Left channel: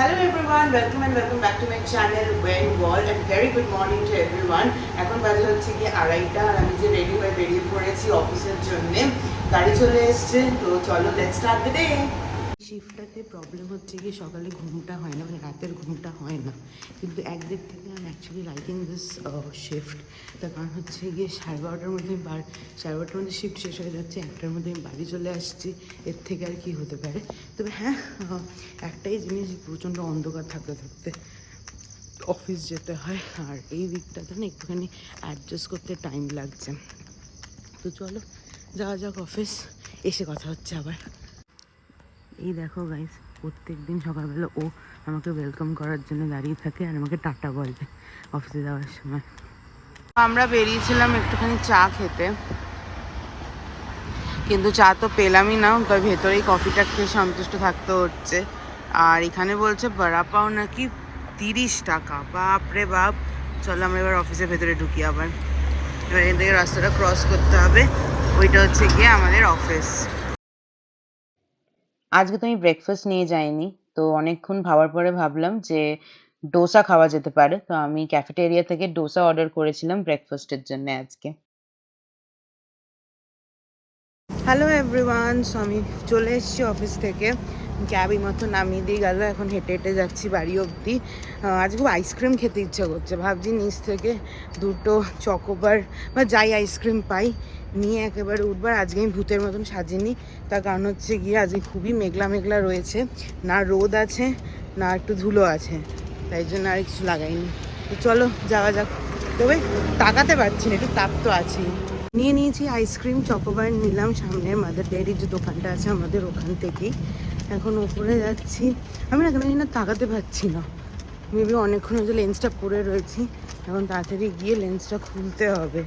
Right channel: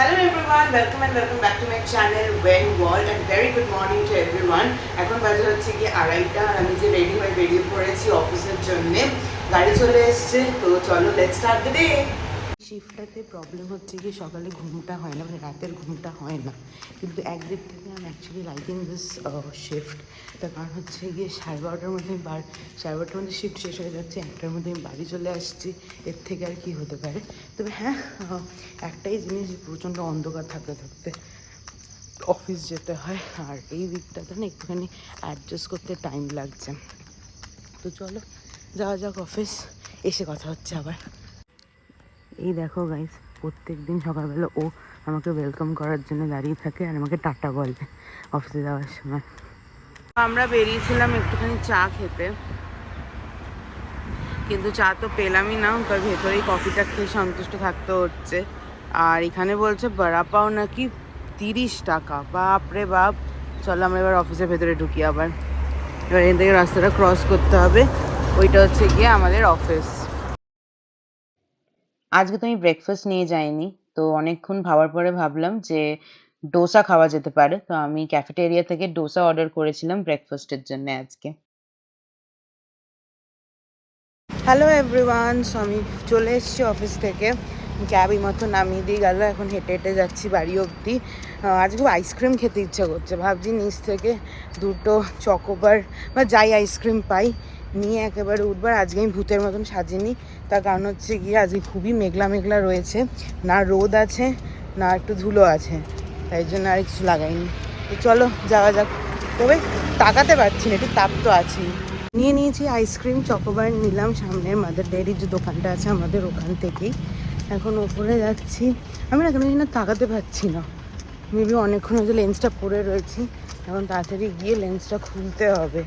Hello everyone, welcome and welcome back to my channel When World and very good morning to everyone. এখন বাজে হচ্ছে কি 2:30 আর আমি যে রেডি হয়ে বেরিয়ে পড়েছি অফিসের জন্য। গাড়ি চলে এসেছে, তো চলো লেটস স্টার্ট দ্য ডে। শিফটটাতে প্রবলেম হচ্ছে কি সকালে ঘুমটা হয় না, মানে রাতের ঘুমটা হয় না, কিন্তু একদিক থেকে আমি অ্যাকচুয়ালি লাইকিং দিস শিফট। তার কারণ হচ্ছে গিয়ে 12:30টার মধ্যে 12:30টার মধ্যে শিফট শেষ হয়ে যাচ্ছে, 1টার মধ্যে আমি বাড়ি চলে আসছি। এর থেকে আর কি হতে পারে। তবে হ্যাঁ, একটাই জিনিস, প্রচণ্ড অন্ধকার থাকতে থাকতে অফিস যেতে হয়, আর এই উইকটাতে না একটুখানি অ্যাডজাস্ট করতে টাইম লাগছে। তো চলো যাওয়া যাক অফিস, এসে কথা হচ্ছে আবার। এই দেখো গাইস, প্রত্যেক দিন সকালবেলা ও আমাকে ওয়েলকাম করার জন্য দাঁড়িয়ে থাকে আর আমাকে টাটা বলে অফিসে যাওয়ার সময়। আমরা বেরিয়েছিলাম একটুখানি চা খেতে, কিন্তু চা তো পেলামই না, তার ভেতরেই কফিটা খেয়ে সন্তুষ্ট থাকতে হচ্ছে। আর এখানে বলছে বড়া পাও নাকি 30 টাকা, বাপরে বাপ। চলো আমরা এবার অফিসের ভেতরে ঢুকি আবার। এবার এখান থেকে রাস্তাটা ক্রস করতে হবে, ওইটা হচ্ছে গিয়ে আমাদের অফিস। আজকে তো আমি ব্রেকফাস্ট নিয়ে যাইনি, তো অনেকক্ষণ ভাবার পরে ভাবলাম যে ডোসা খাওয়া যেতে পারে। তো আমি ক্যাফেটেরিয়া থেকে ডোসা অর্ডার করেছিলাম ব্রেকফাস্টের জন্য আজকে। হ্যালো এভরিওয়ান, সো আমি চলে এসেছি অফিস থেকে। ক্যাব এই মতো নামিয়ে দিয়ে গেল, এখন হেঁটে হেঁটে যাচ্ছি বাড়ি অবধি। আজকে খুব আইসক্রিম খেতে ইচ্ছা করছে, ভাবছি নিচ থেকে দুটো চকোবার বা যাই আইসক্রিম পাই নিয়ে একেবারে উঠবার। আজকে আমি ভূতের মতন সাজিনি, তার কারণ হচ্ছে গিয়ে আজকে খুবই মেঘলা মেঘলা রয়েছে, না রোদ আছে না একটু ধুলো আছে, তাই জন্য আর কিছু লাগাইনি। তো চলো যাওয়া যাক। তবে তাকাতে পারছি না, একটু তাপ তো আছেই। নিয়ে নিয়েছি আইসক্রিম, চকোবার নিলাম সামনে মাদার ডেয়ারির যে দোকানটা আছে আমাদের ওখান থেকেই। এখন ওপরে যাচ্ছি। আমি না কেন না তাকাতে পারছি না, মেবি অনেকক্ষণ হচ্ছে লেন্সটা পরে রয়েছি। এখন তাড়াতাড়ি গিয়ে লেন্সটা খুলতে হবে,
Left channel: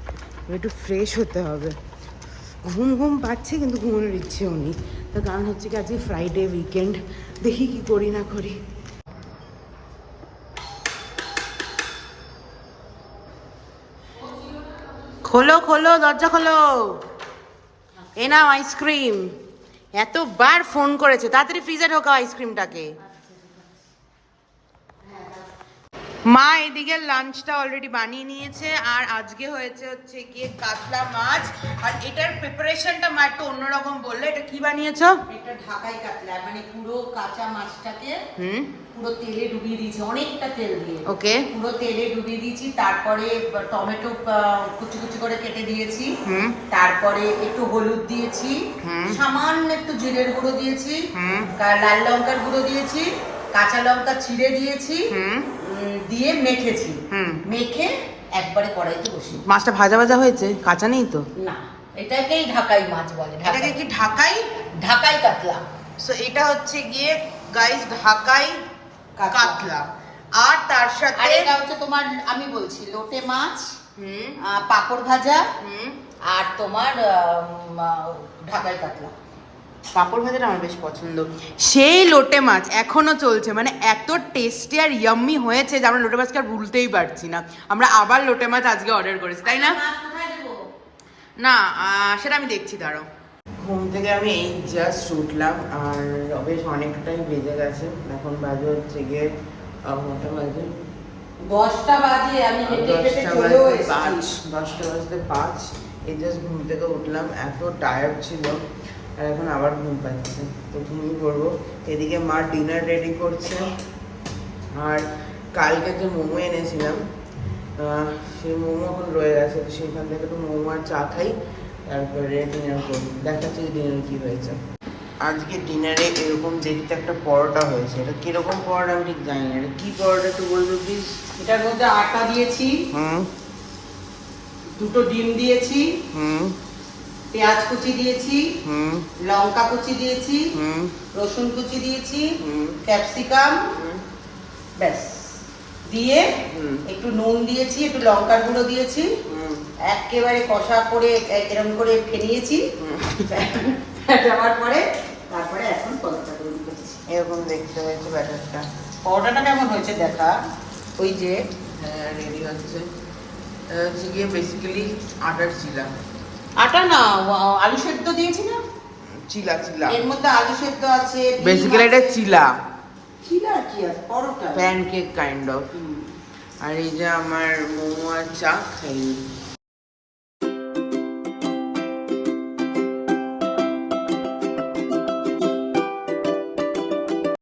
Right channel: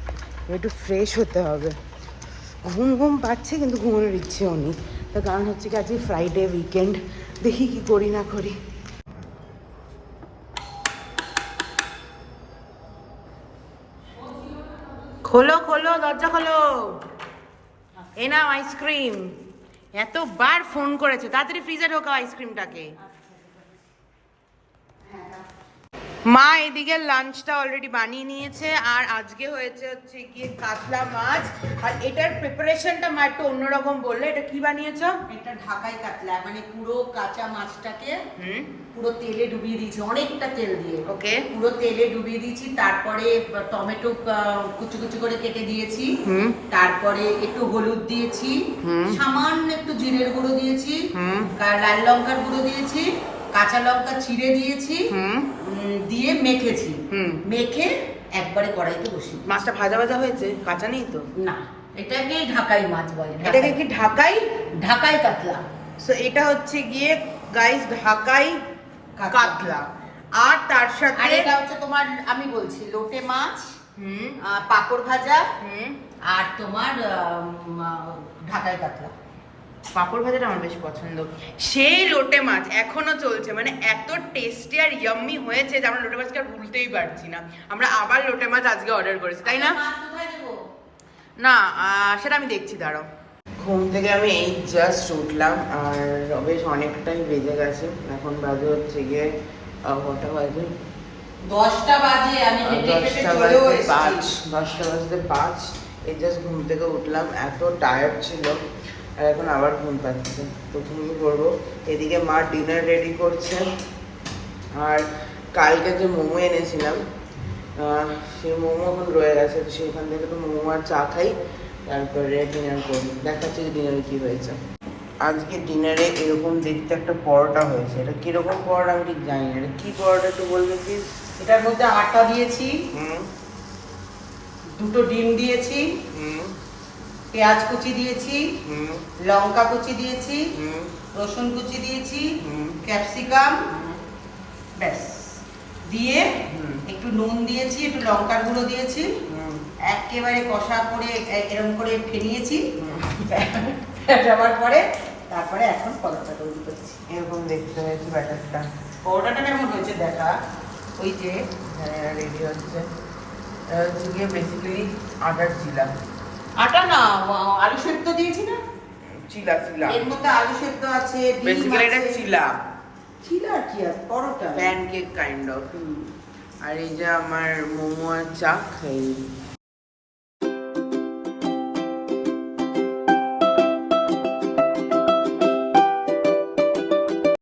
একটু ফ্রেশ হতে হবে। ঘুম ঘুম পাচ্ছে কিন্তু ঘুমানোর ইচ্ছেও নেই, তার কারণ হচ্ছে কি আজকে ফ্রাইডে উইকেন্ড, দেখি কি করি না করি। খোলো খোলো, দরজা খোলো, এ নাও আইসক্রিম। এতবার ফোন করেছে, তাড়াতাড়ি ফ্রিজে ঢোকাও আইসক্রিমটাকে। মা এদিকে লাঞ্চটা অলরেডি বানিয়ে নিয়েছে, আর আজকে হয়েছে হচ্ছে গিয়ে কাতলা মাছ। আর এটার প্রিপারেশনটা মা একটু অন্যরকম বললো। এটা কি বানিয়েছো? এটা ঢাকাই কাতলা, মানে পুরো কাঁচা মাছটাকে পুরো তেলে ডুবিয়ে দিয়েছি, অনেকটা তেল দিয়ে। ওকে, পুরো তেলে ডুবিয়ে দিয়েছি, তারপরে টমেটো কুচি কুচি করে কেটে দিয়েছি, তারপরে একটু হলুদ দিয়েছি, সামান্য একটু জিরের গুঁড়ো দিয়েছি, লাল লঙ্কার গুঁড়ো দিয়েছি, কাঁচা লঙ্কা চিড়ে দিয়েছি, দিয়ে মেখেছি। মেখে একবারে কড়াইতে বসিয়ে। মাছটা ভাজা ভাজা হয়েছে, কাঁচা নেই তো? না, এটাকেই ঢাকাই মাছ বলে। এটাকে কি ঢাকাই? ঢাকাই কাতলা। সো এটা হচ্ছে গিয়ে গাইস ঢাকাই কাতলা। আর তার সাথে এটা হচ্ছে তোমার, আমি বলছি, লোটে মাছ, পাঁপড় ভাজা, আর তোমার ঢাকাই কাতলা। পাঁপড় ভাজাটা আমার বেশ পছন্দ। সেই লোটে মাছ এখনো চলছে, মানে এত টেস্টি আর ইয়াম্মি হয়েছে যে আমরা লোটে মাছকে আর ভুলতেই পারছি না। আমরা আবার লোটে মাছ আজকে অর্ডার করেছি, তাই না? না, সেটা আমি দেখছি, দাঁড়াও। ঘুম থেকে আমি এই জাস্ট উঠলাম, আর বেশ অনেকটাই বেজে গেছে। এখন বাজে হচ্ছে গিয়ে কটা বাজে? 10টা বাজে। আমি 10টা বাজতে 5, 10টা বাজতে 5। এই জাস্ট ঘুম থেকে উঠলাম, এত টায়ার্ড ছিল, আর এখন আবার ঘুম পাচ্ছে। প্রথম কি করবো, এদিকে মা ডিনার রেডি করছে, আর কালকে যে মোমো এনেছিলাম সেই মোমো এখন রয়ে গেছে, সেখান থেকে একটু মোমো আর চা খাই, তারপরে ডিনার করবো। দেখাচ্ছি যে ডিনারে কি হয়েছে। আজকে ডিনারে এরকম দেখতে একটা পরোটা হয়েছে। এটা কিরকম পরোটা আমি ঠিক জানি না, এটা কি পরোটা একটু বলবো প্লিজ? এটার মধ্যে আটা দিয়েছি, দুটো ডিম দিয়েছি, পেঁয়াজ কুচি দিয়েছি, লঙ্কা কুচি দিয়েছি, রসুন কুচি দিয়েছি, ক্যাপসিকাম, ব্যাস দিয়ে একটু নুন দিয়েছি, একটু লঙ্কার গুঁড়ো দিয়েছি, একেবারে কষা করে এরকম করে ফেনিয়েছি। যাওয়ার পরে তারপরে এখন পরোটা তৈরি করছি। এরকম দেখতে হয়েছে ব্যাটারটা। পরোটাটা কেমন হয়েছে দেখা, ওই যে রেডি হচ্ছে। হচ্ছে গিয়ে বেসিক্যালি আটার চিলা। আটা না, আলু সেদ্ধ দিয়েছি না, চিলা চিলা, এর মধ্যে আলু সেদ্ধ আছে, বেসিক্যালি এটা চিলা। চিলা আর কি আছে পরোটা। Pancake kind of. আর এই যে আমার মোমো আর চা খাই।